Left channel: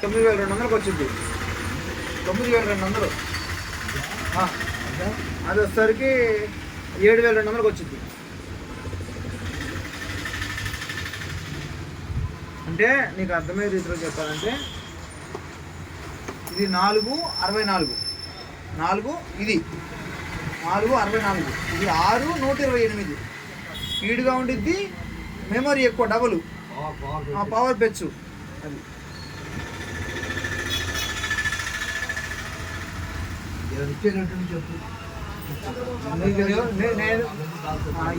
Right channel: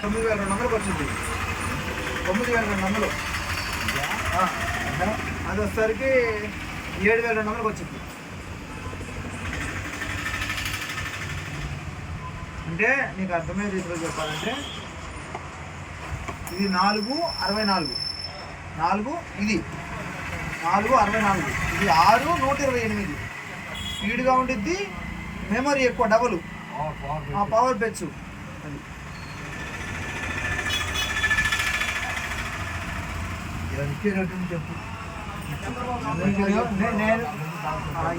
తొమ్మిది వేల రెండు వందలకు వచ్చింది తొమ్మిది వేల రెండు వందలు అది వచ్చేసరికి ఏడు వేల రెండు వందలకు వచ్చింది అంటే నీకు అర్థమయ్యే రీతిలో చెప్పాలంటే? ఇది నాలుగు అరవై నాలుగు. నాలుగు ఇది. నాలుగు అరవై నాలుగు. ఇది ఆరు నూట ఇరవై ఎనిమిది. స్పీడ్గా ఉండిద్ది మెమరీ ఎక్కువ డబుల్. పవర్ బెచ్చు అది.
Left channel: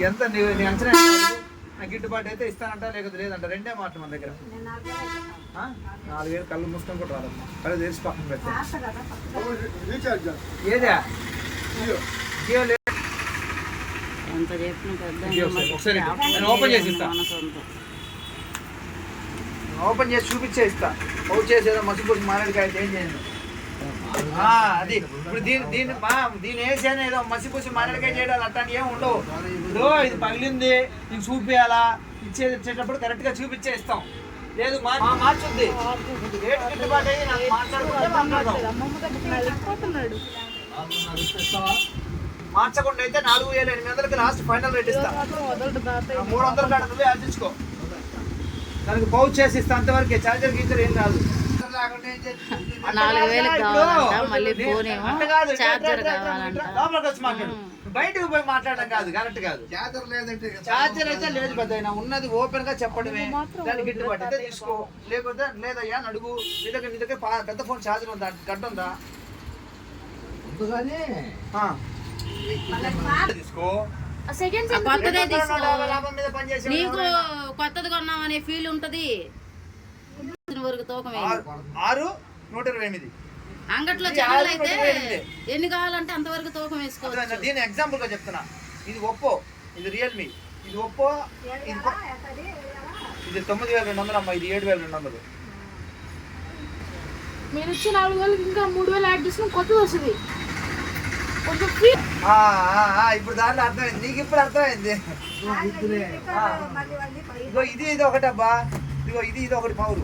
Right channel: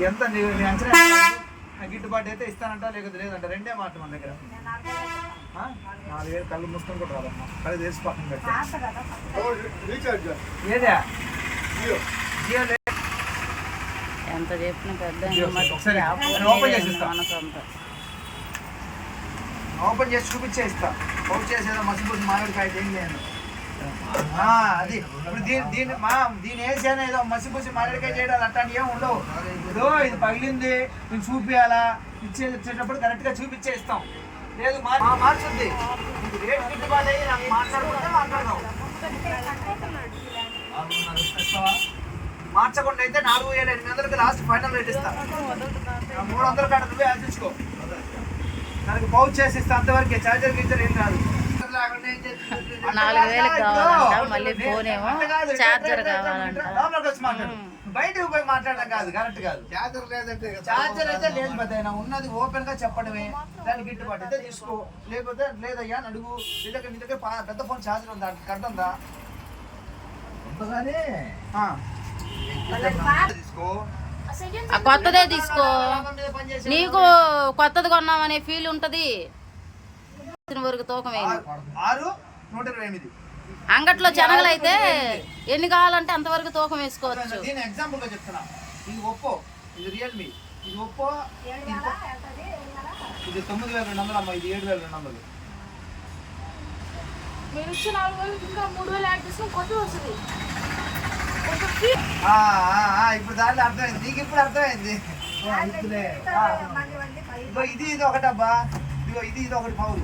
ఎంత నీ అంచనా గిట్టుబాటు అయితే ఇస్తానంట లేకపోతే లేదంట. రెండే మాట మన దగ్గర? నాలుగేళ్ళు కళ్ళు మూసుకొని కూడా రాదమ్మా. కళ్ళు తెరిచి పక్కన ఏదా? జియో. లేదు ఎంత చెప్పిన పెద్ద ఓపెన్ చేసి లేదండి ఇస్తా. మన సొంత. ఓపెన్ చేసి చూపించే ఇస్తా. అవుట్ చేసేదో మసిపూసి మారేడుకాయ ఏం చేయను ఆ, అది. ఇప్పుడు దీని దీని మా దీని వేసేనా ఏదో మసిపూసి మాట్లాడికే చేయడం అట్లాంటి ఏం ఉండవు. ఇదో ఇది పగిలింది ఇది చూపించాలా ఇచ్చేది ఇచ్చేటప్పుడు కరెక్ట్గా చూపించే ఇస్తాం. లేదు మా మార్చుద్ది. ఏంటి గిట్టుబాటు అయ్యి నాకు మాట్లాడుకుంటే మాట్లాడదాం. మార్చకుండా అయితే నాలుగు వేల ఎనిమిది వందలకి లాస్ట్ ఫైనల్ రేట్ ఇస్తా. మూడు వందల కాడ నువ్వే ఆర్చించుకో దానికి పౌచ్ చేసి ఇస్తా అంతవరకే. చార్జర్ గీచర్ ఏం కాదు. నాలుగు వేలకు కావాలంట మళ్ళీ ఫోన్ ఏమో చార్జర్ కావాలంట. బయటకు పోయి మాట్లాడడం కాదు కరెక్ట్ కాదు. చాదర్ లేదంటే చార్జర్ అయితే లేదు పెద్ద ఉన్నది ఓపెన్గా చెప్పడమే. దానికి గిట్టుబాటు అయితే తీసుకో. లేకపోతే లేదయ్యా అని అడుగు. పా- పెద్ద ఫోన్ చార్జర్ ఉందా? కరెక్ట్ ఉందా ఉంటుందని. తీసుకో. కొత్తదే తీసుకో. నీకు కొత్తది కొన్నామనే ఫీల్ ఉంటది. వరకు తూకం ఆరు నూట ఇరవై ఎనిమిది. అంగట్లో శనగలు అయితే ఎన్ని కావాలంటే అంతవరకు తూకం వేసుకోవచ్చు. దీని ఎగ్జాంపుల్గా చెప్తున్నా. ఇది ఒప్పో ఇది రియల్మీ ఇది ఒప్పో ఇది తొమ్మిది వేల రెండు వందలు అమ్మా ఇది ఏడు వేల రెండు వందలు. మీరు నాలుగు ఇంకా మూడు వేలు యాడ్ చేసుకుని కొత్తది వస్తుంది. ఇప్పుడు దాంట్లో అర్థమైంది. నీకు ఇప్పుడు అర్థమైంది. ఇది ఇది ఒకటబ్బా. ఇదిగో ఇది ఇది ఒకటి పౌరు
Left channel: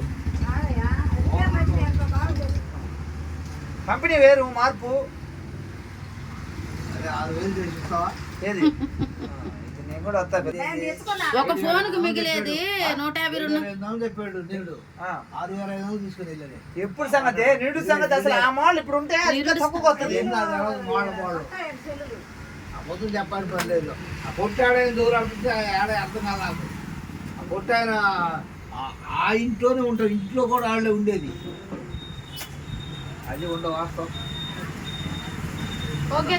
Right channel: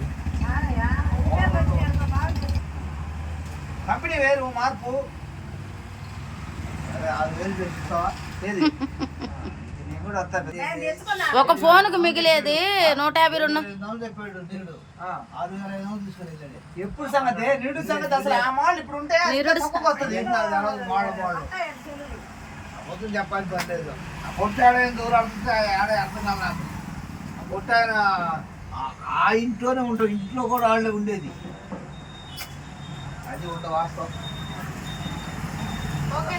కంపెనీ వేరు మార్పు. ఒక ఫోన్కు మిగిలేది నూట యాభై రెండు. ఎప్పుడు సంగతి? నిరుడు సంగతి అసలు ఆ మాల్ ఇప్పుడు ఉంటే మోడల్ మోడల్ పొద్దున చెప్పాలి పని లేదు ఆ పొట్టాడైన దూరం అర్థం కాదు నాకు. ఆ పొట్టాయన ఆ- ఇంట్లోనే ఉంటాడు ఇంట్లో కూడా వాళ్ళే ఉండేది. అది ఉండ వాస్తవం. ఓకే